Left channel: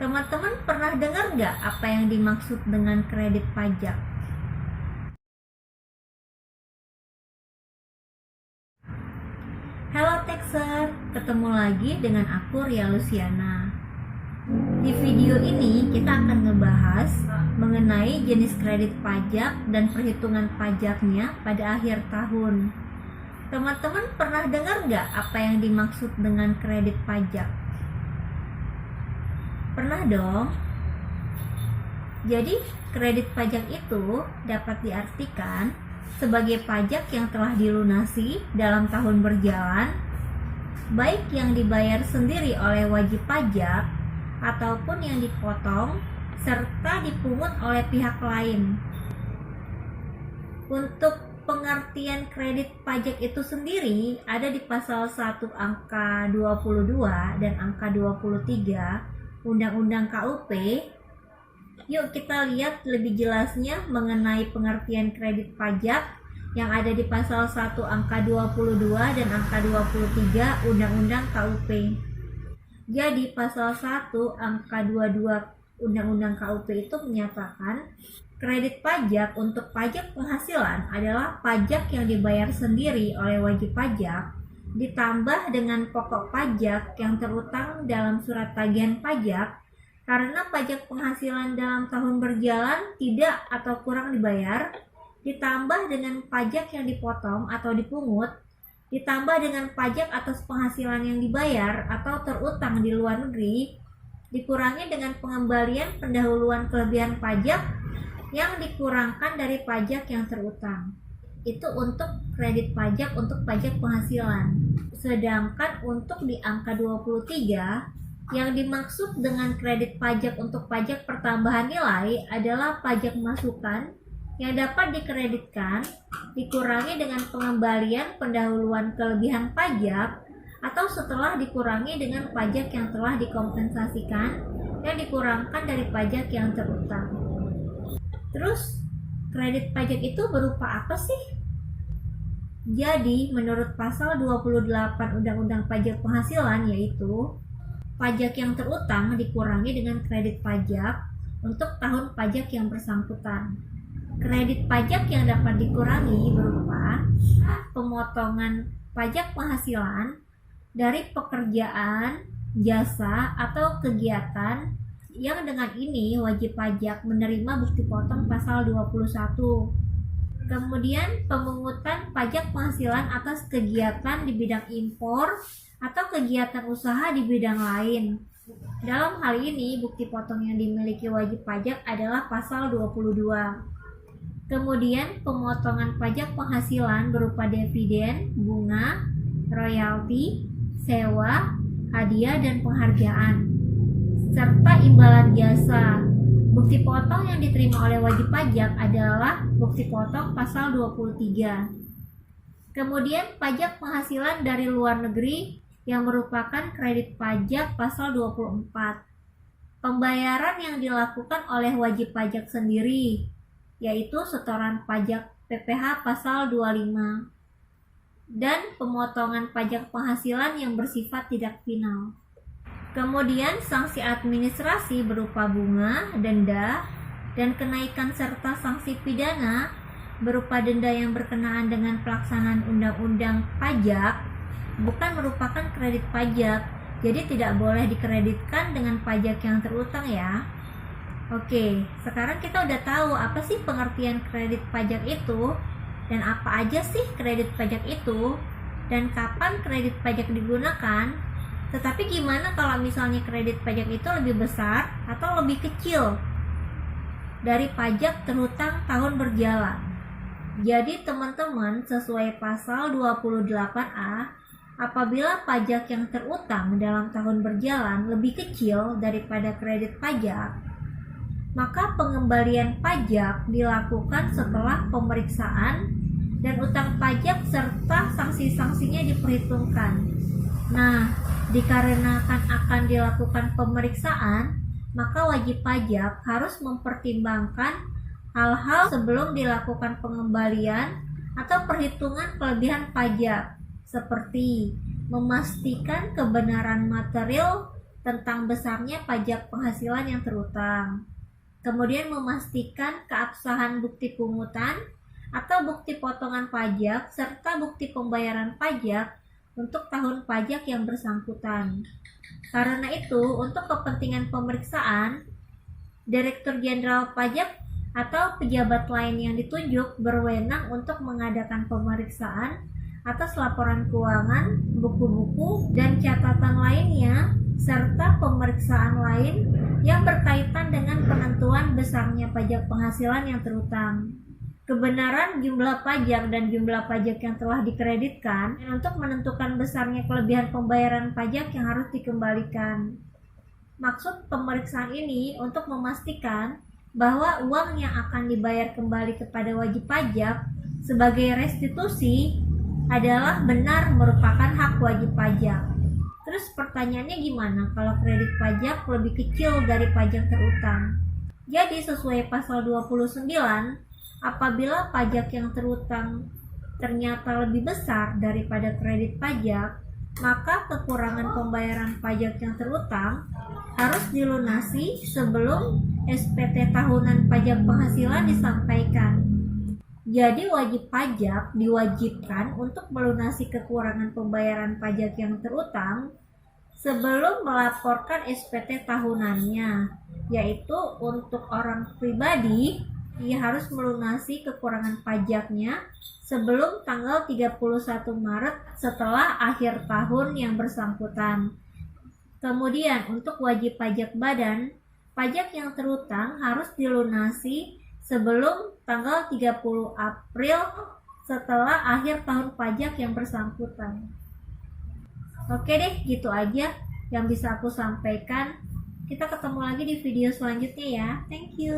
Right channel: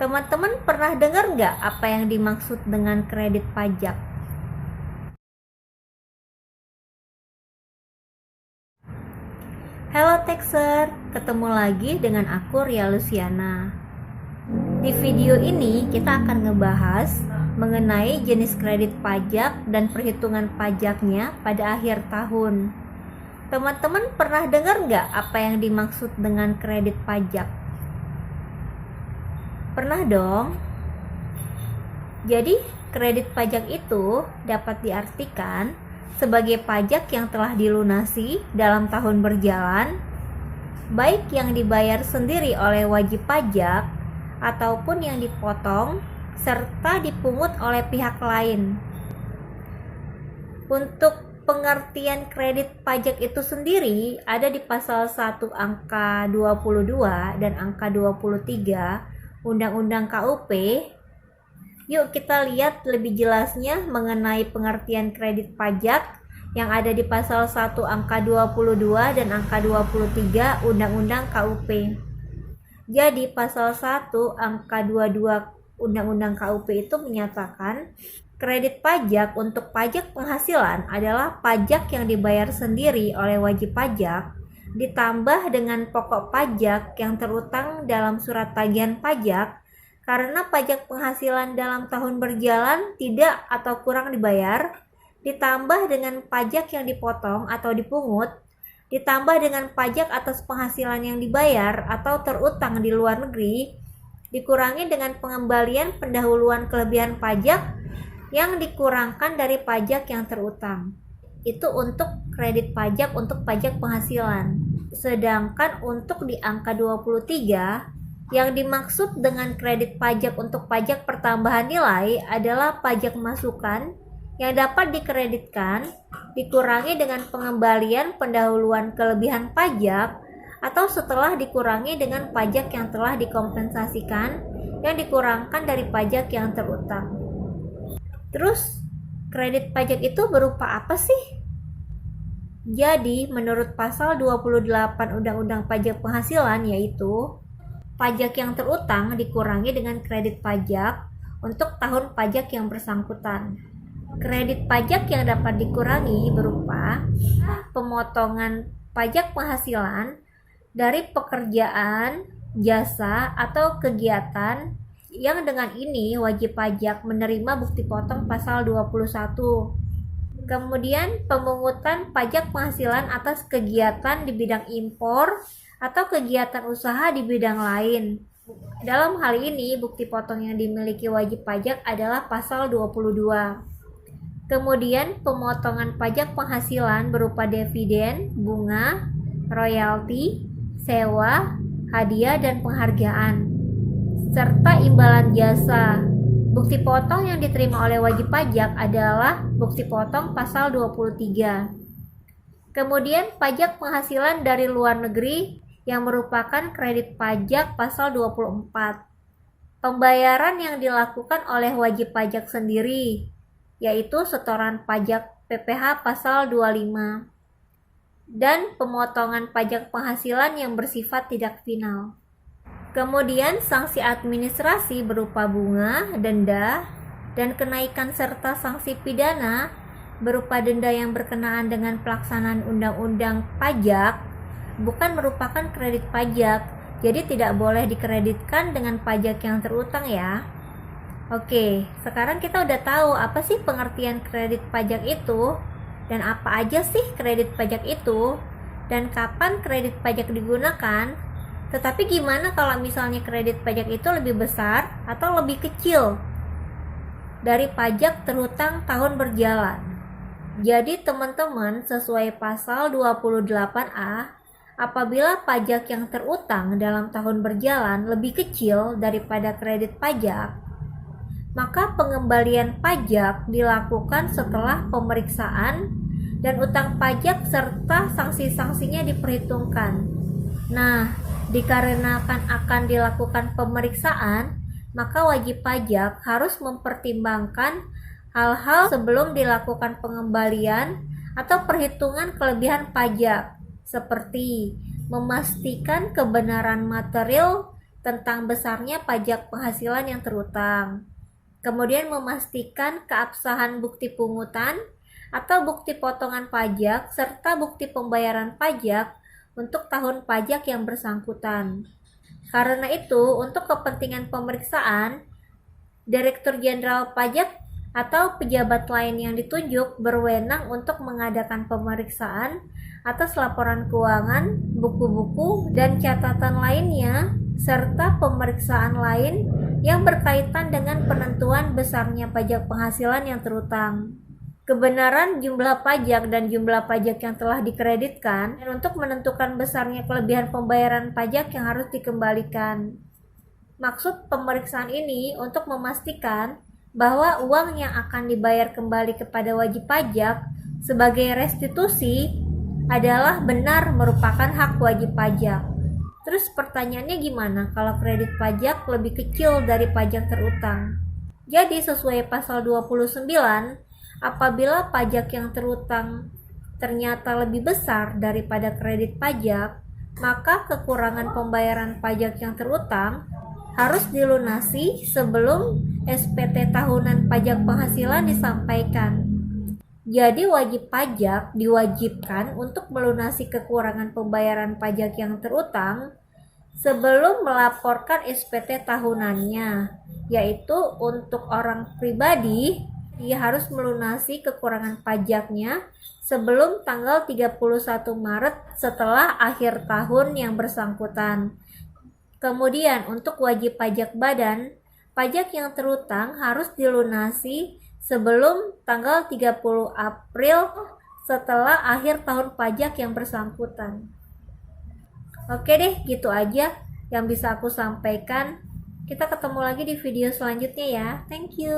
Teman-teman pernah dengar nggak apa yang dimaksud dengan kredit pajak? Halo Texer, ketemu lagi dengan aku Ria Luciana. Di video ini kita akan ngebahas mengenai jenis kredit pajak dan perhitungan pajaknya pada akhir tahun. Teman-teman pernah dengar nggak apa yang dimaksud dengan kredit pajak? Pernah dong? Jadi, kredit pajak itu dapat diartikan sebagai pajak yang telah dilunasi dalam tahun berjalan, baik yang dibayar sendiri oleh wajib pajak ataupun yang dipotong serta dipungut oleh pihak lain. Untuk pengertian kredit pajak itu sendiri ada di pasal 1 angka 22 dan angka 23 Undang-Undang KUP. Yuk kita lihat lebih jelasnya mengenai pengertian kredit pajak yang ada di pasal 1 angka 22 dan angka 23 Undang-Undang KUP. Jadi pasal 1 angka 22 Undang-Undang KUP itu menyatakan kredit pajak untuk pajak penghasilan adalah pajak yang dibayar sendiri oleh wajib pajak ditambah dengan pokok pajak yang terutang dalam surat tagihan pajak karena pajak penghasilan dalam tahun berjalan tidak atau kurang dibayar, ditambah dengan pajak yang dipotong atau dipungut, ditambah dengan pajak atas penghasilan yang dibayar atau terutang di luar negeri, dikurangi dengan pengembalian pendahuluan kelebihan pajak yang dikurangkan dari pajak yang terutang. Itu untuk kredit pajak untuk pajak penghasilan. Sedangkan untuk di angka 23 yang dimaksud dengan kredit pajak untuk pajak pertambahan nilai adalah pajak masukan yang dapat dikreditkan dikurangi dengan pengembalian pendahuluan kelebihan pajak atau setelah dikurangi dengan pajak yang telah dikompensasikan yang dikurangkan dari pajak yang terutang. Terus kredit pajak itu berupa apa sih? Jadi menurut pasal 28 Undang-Undang Pajak Penghasilan yaitu pajak yang terutang dikurangi dengan kredit pajak untuk tahun pajak yang bersangkutan. Kredit pajak yang dapat dikurangi berupa pemotongan pajak penghasilan dari pekerjaan, jasa, atau kegiatan yang dengan ini wajib pajak menerima bukti potong pasal 21. Kemudian pemungutan pajak penghasilan atas kegiatan di bidang impor atau kegiatan usaha di bidang lain. Dalam hal ini bukti potong yang dimiliki wajib pajak adalah pasal 22. Kemudian pemotongan pajak penghasilan berupa dividen, bunga, royalti, sewa, hadiah dan penghargaan serta imbalan jasa. Bukti potong yang diterima oleh wajib pajak adalah bukti potong pasal 23. Kemudian pajak penghasilan dari luar negeri yang merupakan kredit pajak pasal 24. Pembayaran yang dilakukan oleh wajib pajak sendiri yaitu setoran pajak PPh pasal 25 dan pemotongan pajak penghasilan yang bersifat tidak final. Kemudian sanksi administrasi berupa bunga, denda, dan kenaikan serta sanksi pidana berupa denda yang berkenaan dengan pelaksanaan undang-undang pajak bukan merupakan kredit pajak, jadi tidak boleh dikreditkan dengan pajak yang terutang ya. Oke, sekarang kita udah tahu apa sih pengertian kredit pajak itu dan apa aja sih kredit pajak itu dan kapan kredit pajak digunakan. Tetapi gimana kalau misalnya kredit pajak itu lebih besar atau lebih kecil dari pajak terutang tahun berjalan? Jadi teman-teman sesuai pasal 28A, apabila pajak yang terutang dalam tahun berjalan lebih kecil daripada kredit pajak, maka pengembalian pajak dilakukan setelah pemeriksaan dan utang pajak serta sanksi-sanksinya diperhitungkan. Nah, dikarenakan akan dilakukan pemeriksaan, maka wajib pajak harus mempertimbangkan hal-hal sebelum dilakukan pengembalian atau perhitungan kelebihan pajak, seperti memastikan kebenaran material tentang besarnya pajak penghasilan yang terutang. Kemudian memastikan keabsahan bukti pungutan atau bukti potongan pajak serta bukti pembayaran pajak untuk tahun pajak yang bersangkutan. Karena itu, untuk kepentingan pemeriksaan, Direktur Jenderal Pajak atau pejabat lain yang ditunjuk berwenang untuk mengadakan pemeriksaan atas laporan keuangan, buku-buku, dan catatan lainnya, serta pemeriksaan lain yang berkaitan dengan penentuan besarnya pajak penghasilan yang terutang, kebenaran jumlah pajak dan jumlah pajak yang telah dikreditkan, dan untuk menentukan besarnya kelebihan pembayaran pajak yang harus dikembalikan. Maksud pemeriksaan ini untuk memastikan bahwa uang yang akan dibayar kembali kepada wajib pajak sebagai restitusi adalah benar merupakan hak wajib pajak. Terus pertanyaannya gimana kalau kredit pajak lebih kecil dari pajak terutang? Jadi sesuai pasal 29, apabila pajak yang terutang ternyata lebih besar daripada kredit pajak, maka kekurangan pembayaran pajak yang terutang harus dilunasi sebelum SPT tahunan pajak penghasilan disampaikan. Jadi wajib pajak diwajibkan untuk melunasi kekurangan pembayaran pajak yang terutang sebelum melaporkan SPT tahunannya, yaitu untuk orang pribadi ia harus melunasi kekurangan pajaknya sebelum tanggal 31 Maret setelah akhir tahun yang bersangkutan. Kemudian untuk wajib pajak badan, pajak yang terutang harus dilunasi sebelum tanggal 30 April setelah akhir tahun pajak yang bersangkutan. Oke deh, gitu aja yang bisa aku sampaikan. Kita ketemu lagi di video selanjutnya ya. Thank you.